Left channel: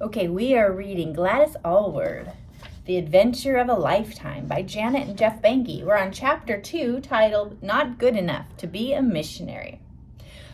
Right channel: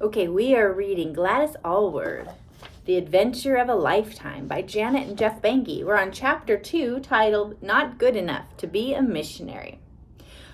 Okay, we are reading Gladys Aylward, The Adventure of a Lifetime by Janet and Geoff Benge. We're on Chapter 2, titled Not Good Enough to Be a Missionary.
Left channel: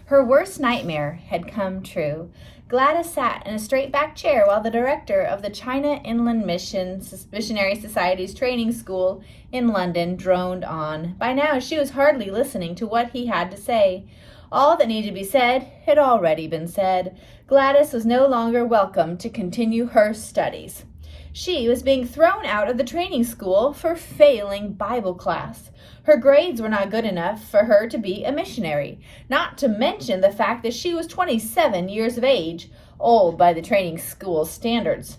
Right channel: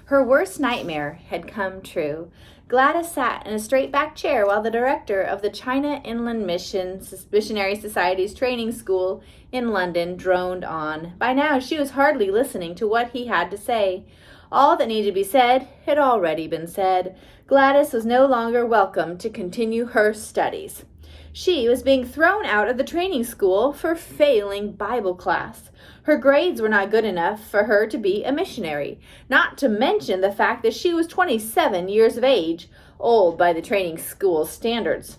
Her worst nightmare had come true. Gladys sat in a straight-back chair while the director of the China Inland Missionary Society's training school in London droned on. By now, she was hardly listening to what he had to say. All that needed to be said had already been said. Gladys was no longer welcome to continue her studies. She was being thrown out of the training school for failing Bible class. Her grades were not good enough for her to be a missionary, not to mention the fact that she was 27 years of age, old by the training school standards.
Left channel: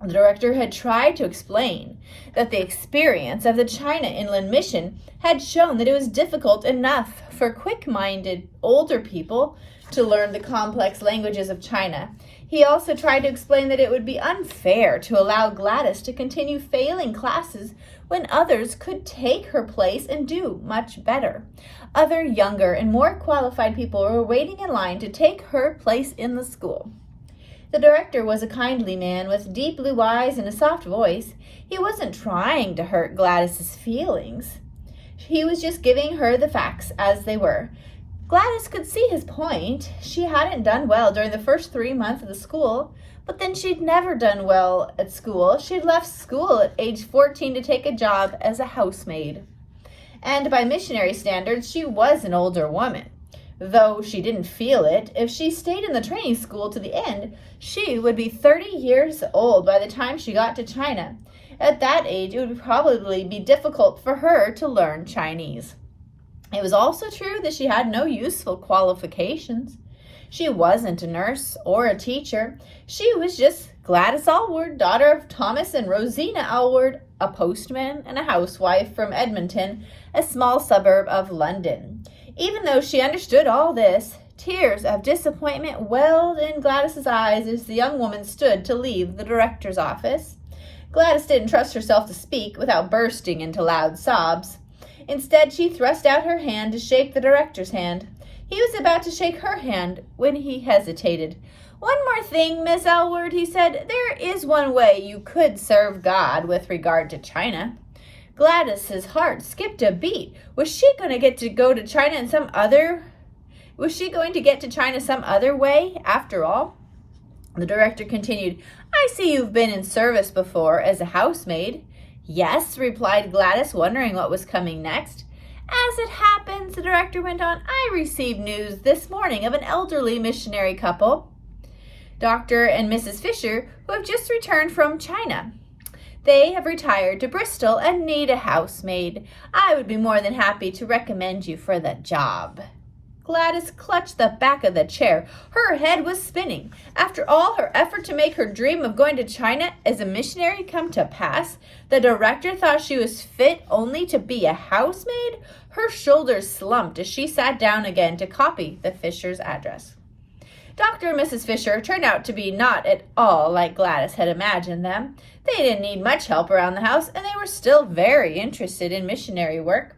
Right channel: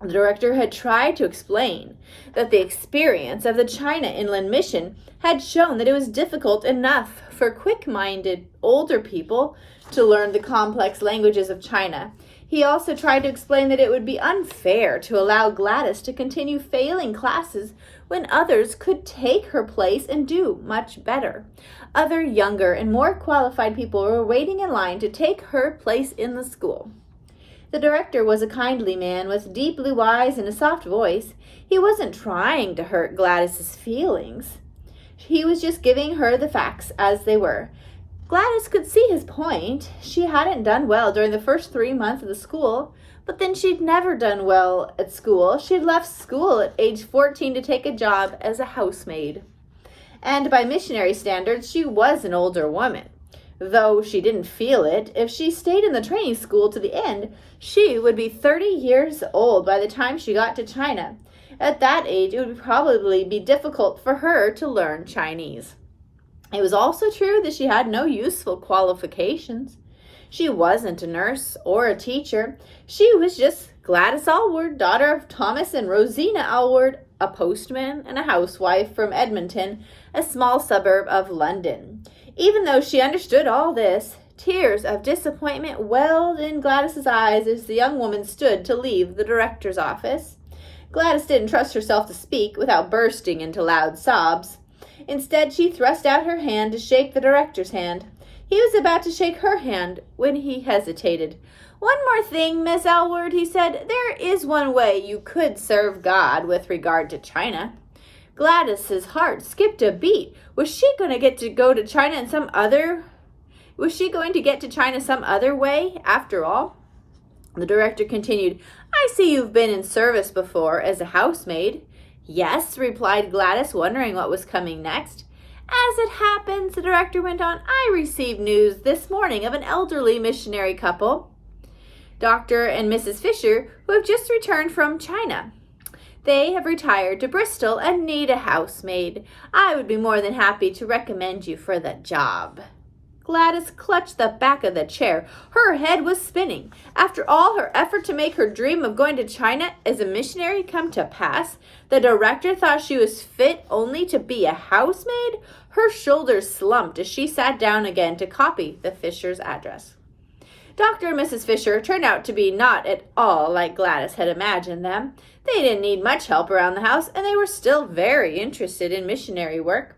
The director had tried to explain that the experience of the China Inland Mission had shown that it was difficult enough for quick-minded older people to learn the complex languages of China. He also tried to explain that it would be unfair to allow Gladys to continue failing classes when others could take her place and do much better. Other younger and more qualified people were waiting in line to take her place in the school. The director was a kindly man with deep blue eyes and a soft voice. He wasn't trying to hurt Gladys's feelings. He was just giving her the facts as they were. Gladys could see his point. She hadn't done well during the first 3 months of the school, but then she'd never done well at school. She'd left school at age 14 to take a job as a housemaid. And by missionary standards, she was an older woman. Though she didn't feel it, if she stayed in the training school to the end, she would be 30 years old by the time she got to China. At that age, it would probably be difficult for her to learn Chinese. It was also true that she had no useful qualifications. She wasn't a nurse or a teacher. She was just Gladys Aylward, daughter of Thomas and Rosina Aylward, a postman and a housewife from Edmonton, a small suburb of London. Even though she understood all this, tears of disappointment welled in Gladys's eyes as the young woman stood to leave the director's office. Gladys didn't trust herself to speak without bursting into loud sobs. Instead, she thrust out her hand to shake the director's hand. He was about to shake her hand when he hesitated. "One more thing, Miss Aylward," he said. "There is one way you could serve God with regard to China." Gladys's heart skipped a beat. Was she going to get to China some other way after all? The director continued, "I see you've been in service before as a housemaid." "Yes," replied Gladys, wondering what was coming next. "As it happens," the director went on, "I received news this morning of an elderly missionary couple, Dr. and Mrs. Fisher, who have just returned from China. They have retired to Bristol and need a housemaid. I would be more than happy to recommend you for the job." Gladys clutched the back of the chair. Her head was spinning. After all her effort to make her dream of going to China as a missionary come to pass, the director thought she was fit only to be a housemaid? Her shoulders slumped as she sat down again to copy the Fisher's address. Dr. and Mrs. Fisher turned out to be not at all like Gladys had imagined them. They didn't need much help around the house, and they were still very interested in missionary work.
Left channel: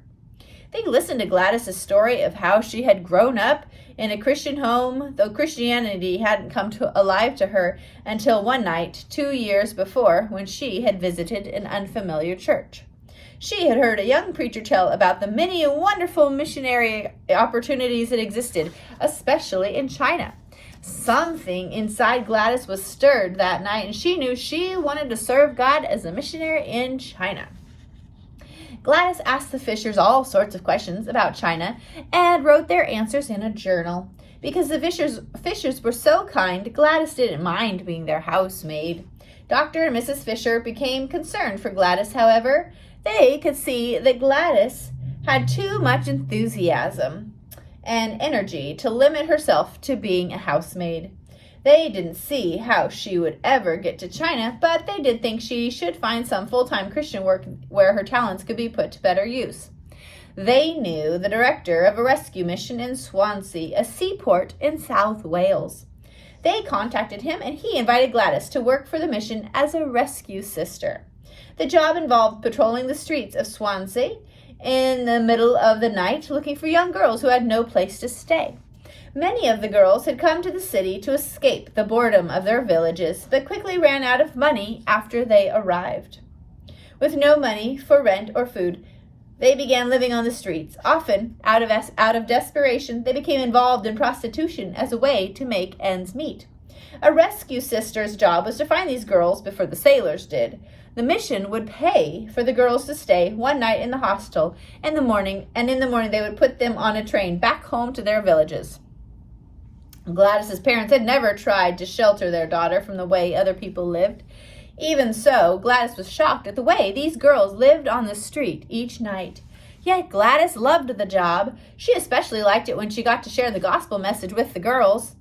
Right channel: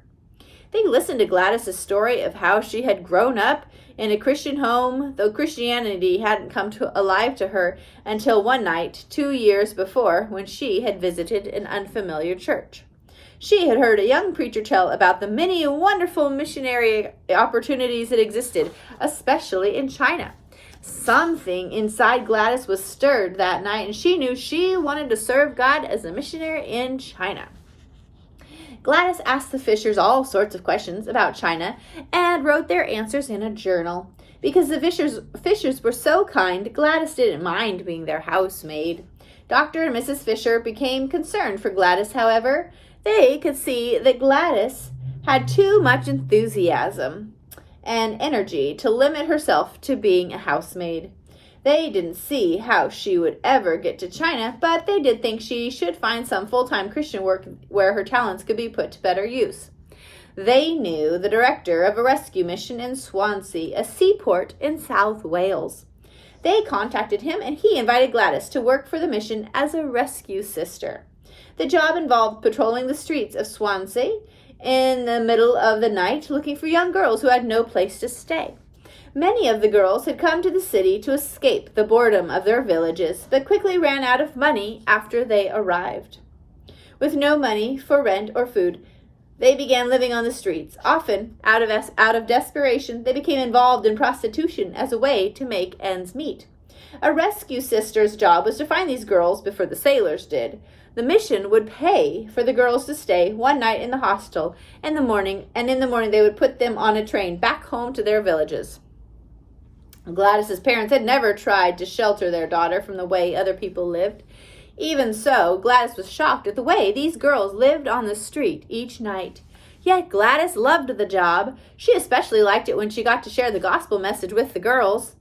They listened to Gladys's story of how she had grown up in a Christian home, though Christianity hadn't come alive to her until one night 2 years before, when she had visited an unfamiliar church. She had heard a young preacher tell about the many wonderful missionary opportunities that existed, especially in China. Something inside Gladys was stirred that night, and she knew she wanted to serve God as a missionary in China. Gladys asked the Fishers all sorts of questions about China and wrote their answers in a journal. Because the Fishers were so kind, Gladys didn't mind being their housemaid. Dr. and Mrs. Fisher became concerned for Gladys, however. They could see that Gladys had too much enthusiasm and energy to limit herself to being a housemaid. They didn't see how she would ever get to China, but they did think she should find some full-time Christian work where her talents could be put to better use. They knew the director of a rescue mission in Swansea, a seaport in South Wales. They contacted him, and he invited Gladys to work for the mission as a rescue sister. The job involved patrolling the streets of Swansea in the middle of the night, looking for young girls who had no place to stay. Many of the girls had come to the city to escape the boredom of their villages, but quickly ran out of money after they arrived. With no money for rent or food, they began living on the streets. Often, out of desperation, they became involved in prostitution as a way to make ends meet. A rescue sister's job was to find these girls before the sailors did. The mission would pay for the girls to stay one night in the hostel in the morning they would put them on a train back home to their villages. Gladys's parents had never tried to shelter their daughter from the way other people lived. Even so, Gladys was shocked at the way these girls lived on the street each night. Yet Gladys loved the job. She especially liked it when she got to share the gospel message with the girls.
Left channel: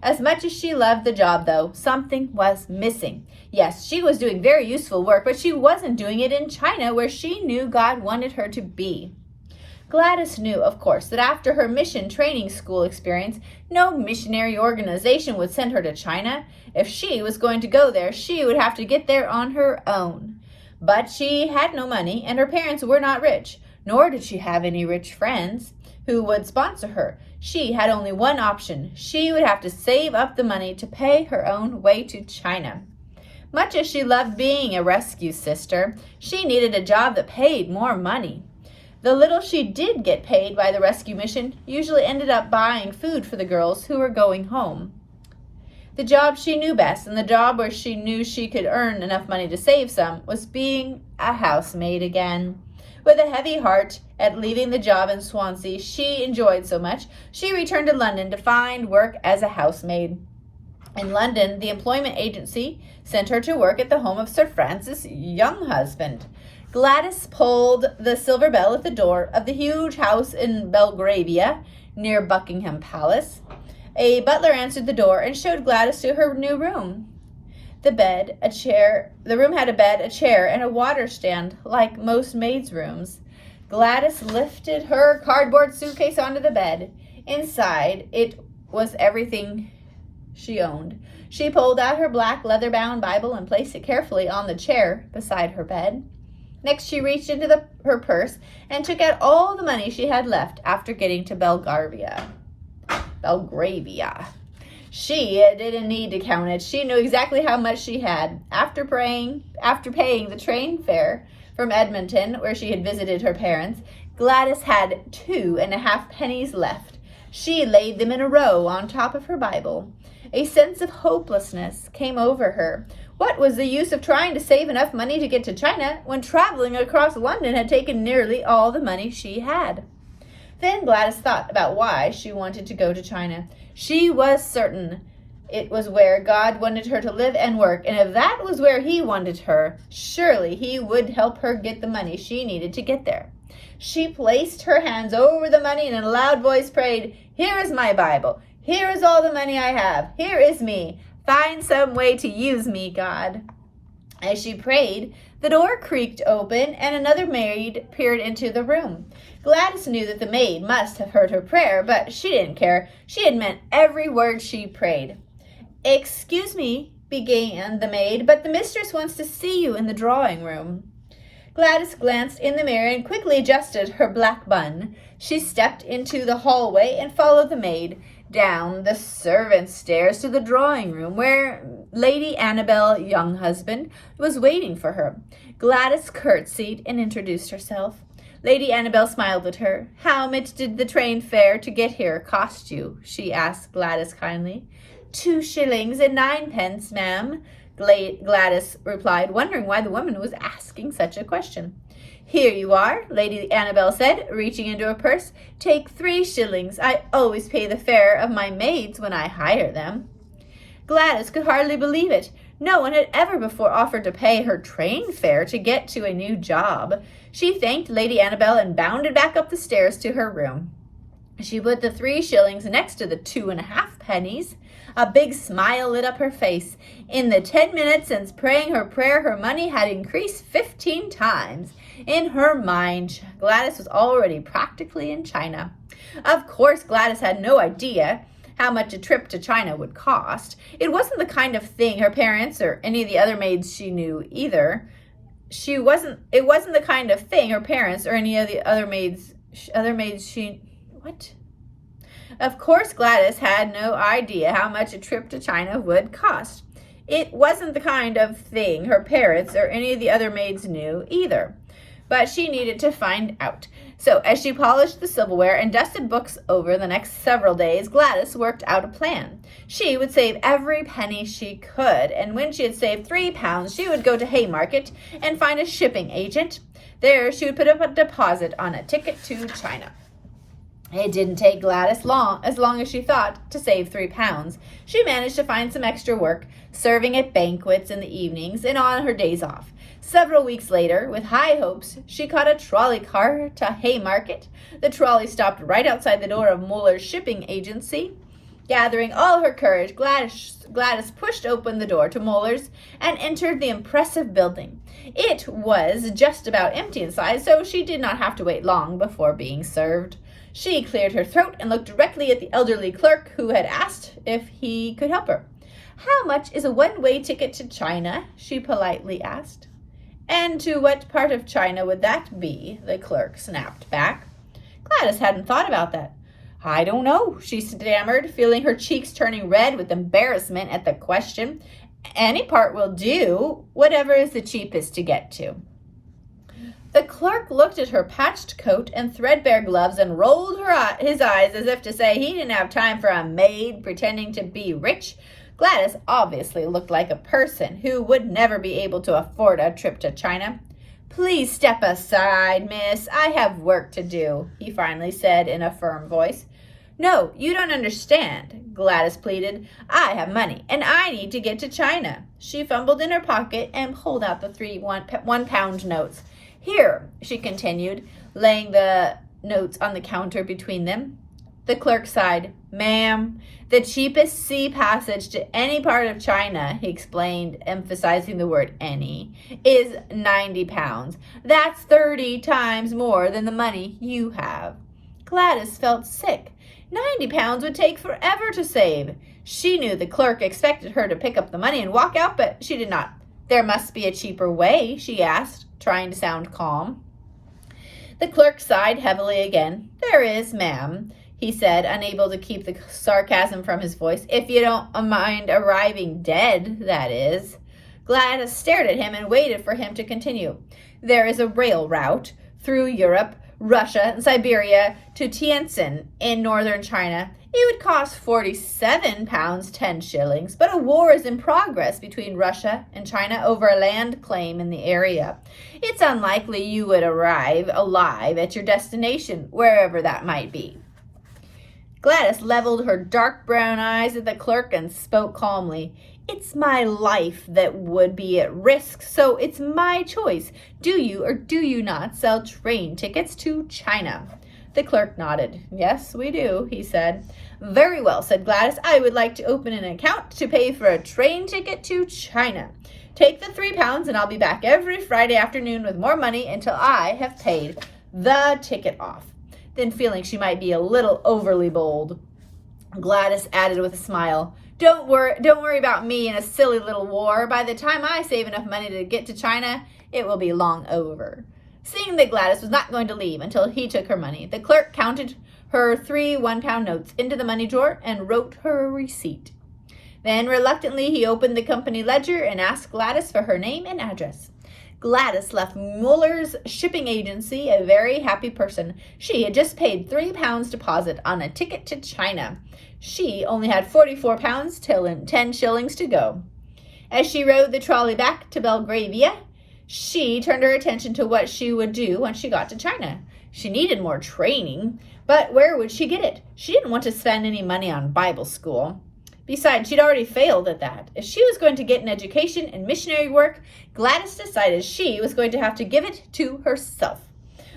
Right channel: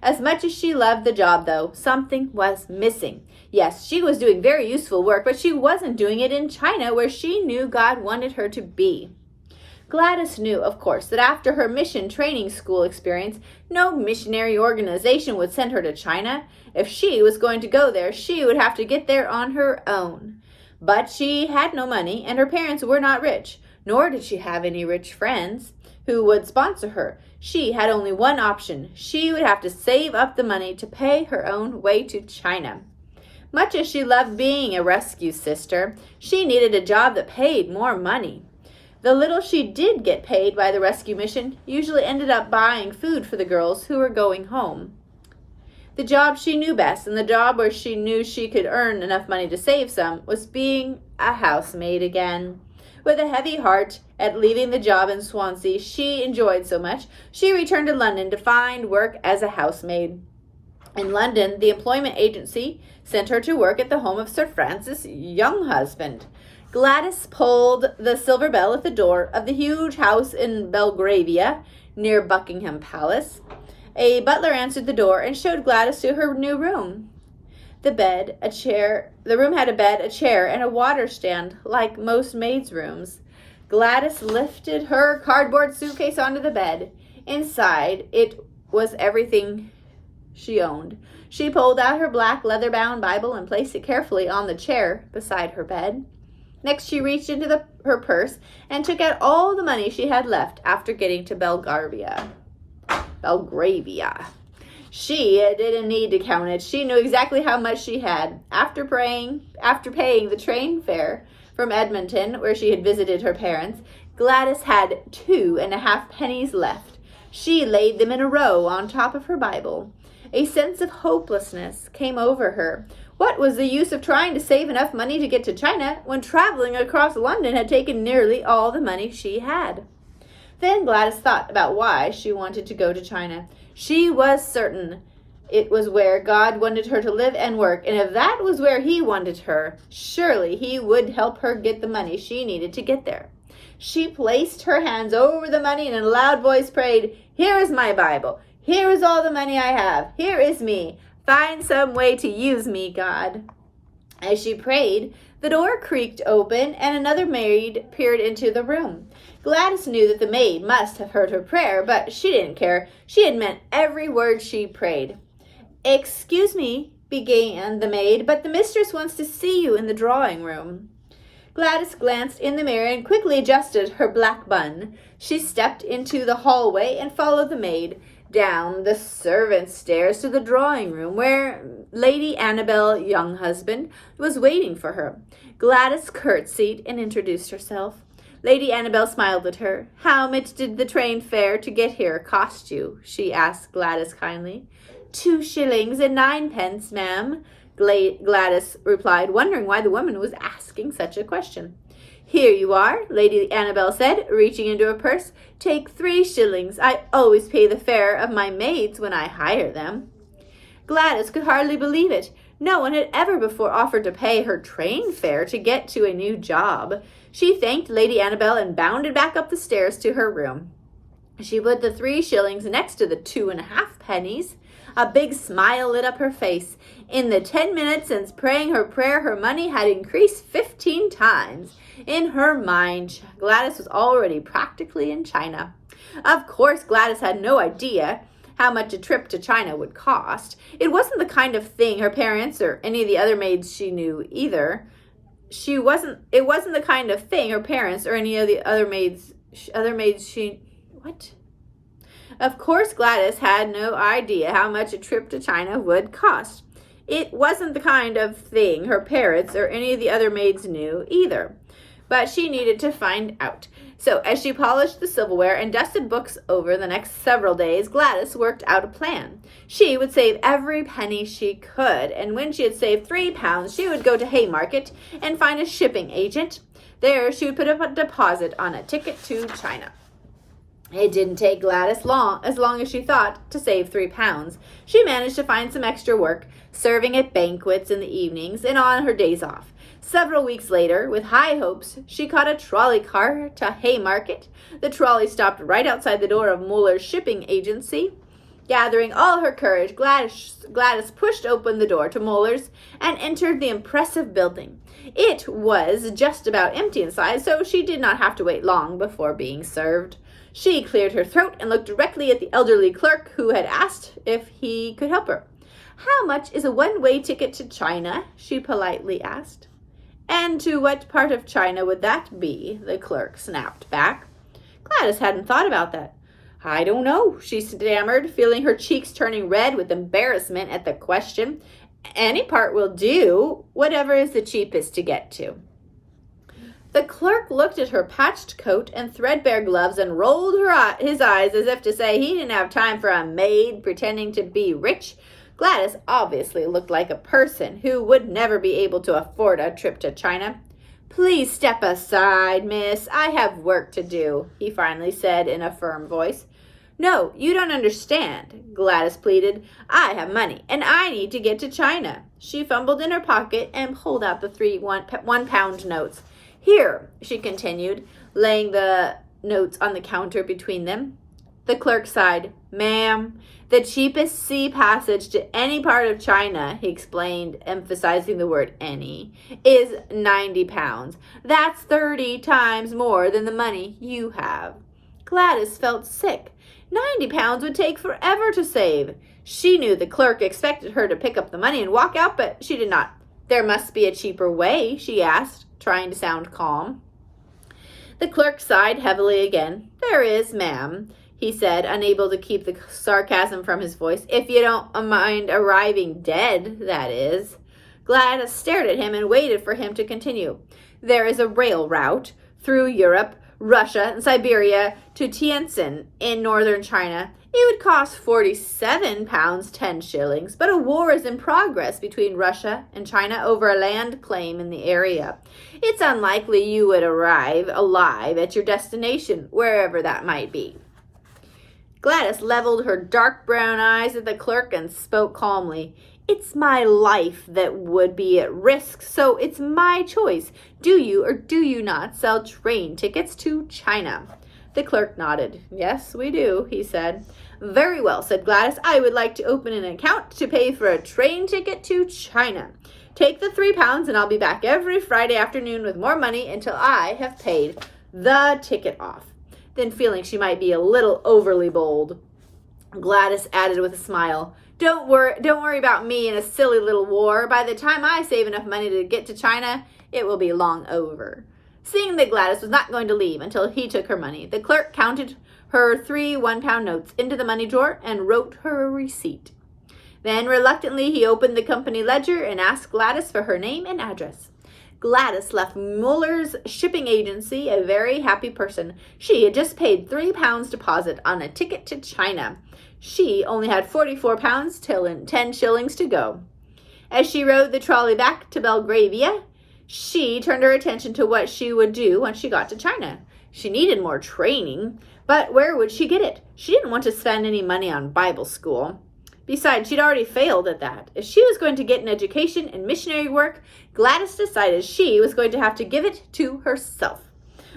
As much as she loved the job, though, something was missing. Yes, she was doing very useful work, but she wasn't doing it in China, where she knew God wanted her to be. Gladys knew, of course, that after her mission training school experience, no missionary organization would send her to China. If she was going to go there, she would have to get there on her own. But she had no money, and her parents were not rich, nor did she have any rich friends who would sponsor her. She had only one option. She would have to save up the money to pay her own way to China. Much as she loved being a rescue sister, she needed a job that paid more money. The little she did get paid by the rescue mission usually ended up buying food for the girls who were going home. The job she knew best, and the job where she knew she could earn enough money to save some, was being a housemaid again. With a heavy heart at leaving the job in Swansea she enjoyed so much, she returned to London to find work as a housemaid. In London, the employment agency sent her to work at the home of Sir Francis' young husband. Gladys pulled the silver bell at the door of the huge house in Belgravia, near Buckingham Palace. A butler answered the door and showed Gladys to her new room. The room had a bed, a chair, and a water stand, like most maids' rooms. Gladys lifted her cardboard suitcase onto the bed. Inside, it was everything she owned. She pulled out her black leather-bound Bible and placed it carefully on the chair beside her bed. Next, she reached into her purse and took out all the money she had left after getting to Belgravia. She didn't need to count it. She knew exactly how much she had. After paying the train fare from Edmonton, where she had visited her parents, Gladys had 2.5 pennies left. She laid them in a row on top of her Bible. A sense of hopelessness came over her. What was the use of trying to save enough money to get to China when traveling across London had taken nearly all the money she had? Then Gladys thought about why she wanted to go to China. She was certain it was where God wanted her to live and work, and if that was where He wanted her, surely He would help her get the money she needed to get there. She placed her hands over the money and in a loud voice prayed, "Here is my Bible. Here is all the money I have. Here is me. Find some way to use me, God." As she prayed, the door creaked open and another maid peered into the room. Gladys knew that the maid must have heard her prayer, but she didn't care. She had meant every word she prayed. "Excuse me," began the maid, "but the mistress wants to see you in the drawing room." Gladys glanced in the mirror and quickly adjusted her black bun. She stepped into the hallway and followed the maid down the servants' stairs to the drawing room, where Lady Annabel Younghusband was waiting for her. Gladys curtsied and introduced herself. Lady Annabel smiled at her. "How much did the train fare to get here cost you?" she asked Gladys kindly. 2 shillings and 9 pence, ma'am," Gladys replied, wondering why the woman was asking such a question. "Here you are," Lady Annabel said, reaching into her purse. "Take 3 shillings. I always pay the fare of my maids when I hire them." Gladys could hardly believe it. No one had ever before offered to pay her train fare to get to a new job. She thanked Lady Annabel and bounded back up the stairs to her room. She put the 3 shillings next to the 2.5 pennies. A big smile lit up her face. In the 10 minutes since praying her prayer, her money had increased 15 times. In her mind, Gladys was already practically in China. Of course, Gladys had no idea how much a trip to China would cost. It wasn't the kind of thing her parents or any of the other maids she knew either. It wasn't the kind of thing her parents or any of the other maids she Of course, Gladys had no idea how much a trip to China would cost. It wasn't the kind of thing her parents or any of the other maids knew either. But she needed to find out. So as she polished the silverware and dusted books over the next several days, Gladys worked out a plan. She would save every penny she could, and when she had saved £3, she would go to Haymarket and find a shipping agent. There she would put up a deposit on a ticket to China. It didn't take Gladys as long as she thought, to save £3. She managed to find some extra work, serving at banquets in the evenings and on her days off. Several weeks later, with high hopes, she caught a trolley car to Haymarket. The trolley stopped right outside the door of Muller's shipping agency. Gathering all her courage, Gladys pushed open the door to Muller's and entered the impressive building. It was just about empty inside, so she did not have to wait long before being served. She cleared her throat and looked directly at the elderly clerk who had asked if he could help her. "How much is a one-way ticket to China?" she politely asked. "And to what part of China would that be?" the clerk snapped back. Gladys hadn't thought about that. "I don't know," she stammered, feeling her cheeks turning red with embarrassment at the question. "Any part will do, whatever is the cheapest to get to." The clerk looked at her patched coat and threadbare gloves and rolled his eyes as if to say he didn't have time for a maid pretending to be rich. Gladys obviously looked like a person who would never be able to afford a trip to China. "Please step aside, miss. I have work to do," he finally said in a firm voice. "No, you don't understand," Gladys pleaded. "I have money, and I need to get to China." She fumbled in her pocket and pulled out the 3 one-pound notes. "Here," she continued, laying the notes on the counter between them. The clerk sighed. "Ma'am, the cheapest sea passage to any part of China," he explained, emphasizing the word any, "is £90. That's 30 times more than the money you have." Gladys felt sick. £90 would take forever to save. She knew the clerk expected her to pick up the money and walk out, but she did not. "There must be a cheaper way," she asked, trying to sound calm. The clerk sighed heavily again. "There is, ma'am," he said, unable to keep the sarcasm from his voice. "If you don't mind arriving dead, that is." Gladys stared at him and waited for him to continue. "There is a rail route through Europe, Russia, and Siberia to Tientsin in northern China. It would cost £47 10 but a war is in progress between Russia and China over a land claim in the area. It's unlikely you would arrive alive at your destination, wherever that might be." Gladys leveled her dark brown eyes at the clerk and spoke calmly. "It's my life that would be at risk, so it's my choice. Do you or do you not sell train tickets to China?" The clerk nodded. "Yes, we do," he said. "Very well," said Gladys. "I would like to open an account to pay for a train ticket to China. Take the £3 and I'll be back every Friday afternoon with more money until I have paid the ticket off." Then, feeling she might be a little overly bold, Gladys added with a smile, Don't worry about me in a silly little war. By the time I save enough money to get to China, it will be long over." Seeing that Gladys was not going to leave until he took her money, the clerk counted her 3 one-pound notes into the money drawer and wrote her a receipt. Then, reluctantly, he opened the company ledger and asked Gladys for her name and address. Gladys left Muller's shipping agency a very happy person. She had just paid £3 deposit on a ticket to China. She only had £44 till 10 shillings to go. As she rode the trolley back to Belgravia, she turned her attention to what she would do when she got to China. She needed more training, but where would she get it? She didn't want to spend any money on Bible school. Besides, she'd already failed at that. If she was going to get an education in missionary work, Gladys decided she was going to have to give it to herself.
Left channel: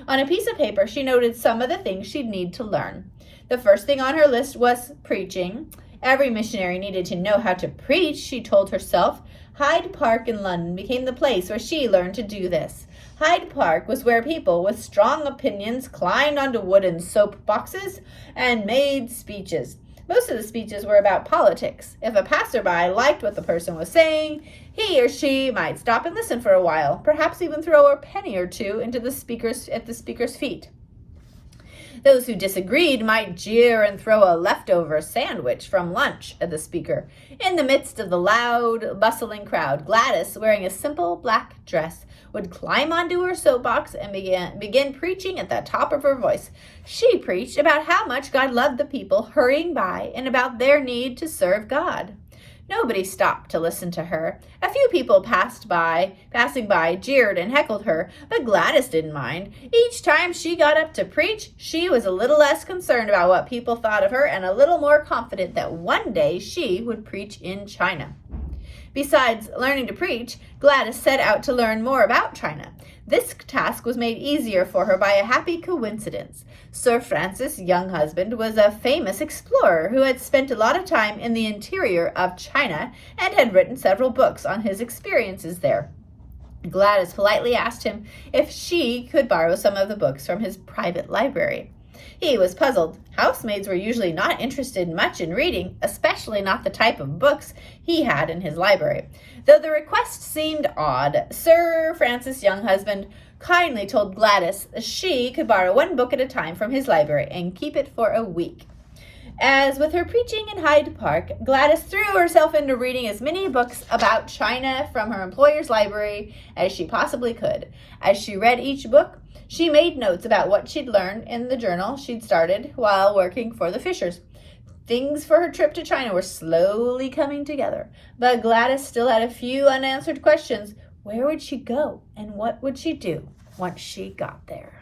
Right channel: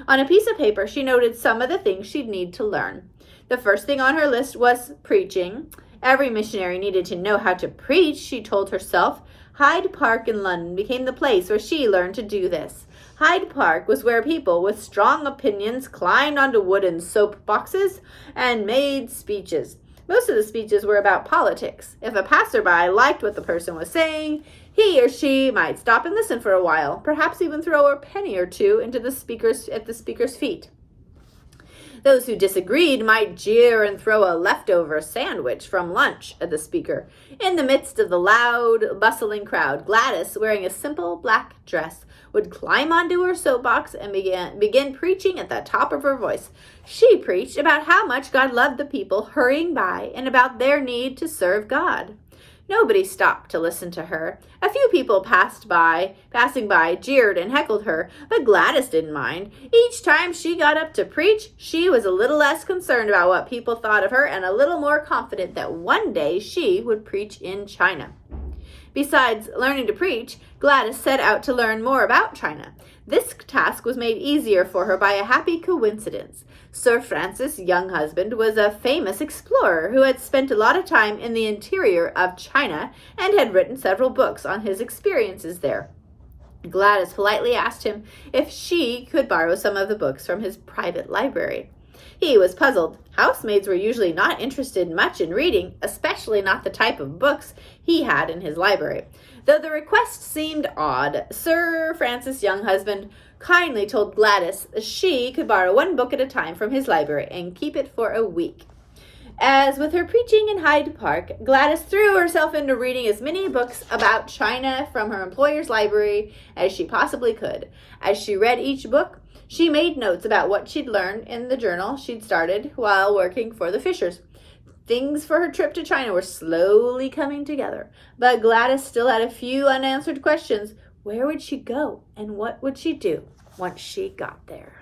On a piece of paper, she noted some of the things she'd need to learn. The first thing on her list was preaching. Every missionary needed to know how to preach, she told herself. Hyde Park in London became the place where she learned to do this. Hyde Park was where people with strong opinions climbed onto wooden soap boxes and made speeches. Most of the speeches were about politics. If a passerby liked what the person was saying, he or she might stop and listen for a while, perhaps even throw a penny or two into the speaker's feet. Those who disagreed might jeer and throw a leftover sandwich from lunch at the speaker. In the midst of the loud, bustling crowd, Gladys, wearing a simple black dress, would climb onto her soapbox and begin preaching at the top of her voice. She preached about how much God loved the people hurrying by and about their need to serve God. Nobody stopped to listen to her. A few people passing by, jeered and heckled her, but Gladys didn't mind. Each time she got up to preach, she was a little less concerned about what people thought of her and a little more confident that one day she would preach in China. Besides learning to preach, Gladys set out to learn more about China. This task was made easier for her by a happy coincidence. Sir Francis' young husband was a famous explorer who had spent a lot of time in the interior of China and had written several books on his experiences there. Gladys politely asked him if she could borrow some of the books from his private library. He was puzzled. Housemaids were usually not interested much in reading, especially not the type of books he had in his library. Though the request seemed odd, Sir Francis' young husband kindly told Gladys she could borrow one book at a time from his library and keep it for a week. As with her preaching in Hyde Park, Gladys threw herself into reading as many books about China from her employer's library as she possibly could. As she read each book, she made notes about what she'd learned in the journal she'd started while working for the Fishers. Things for her trip to China were slowly coming together, but Gladys still had a few unanswered questions. Where would she go, and what would she do once she got there?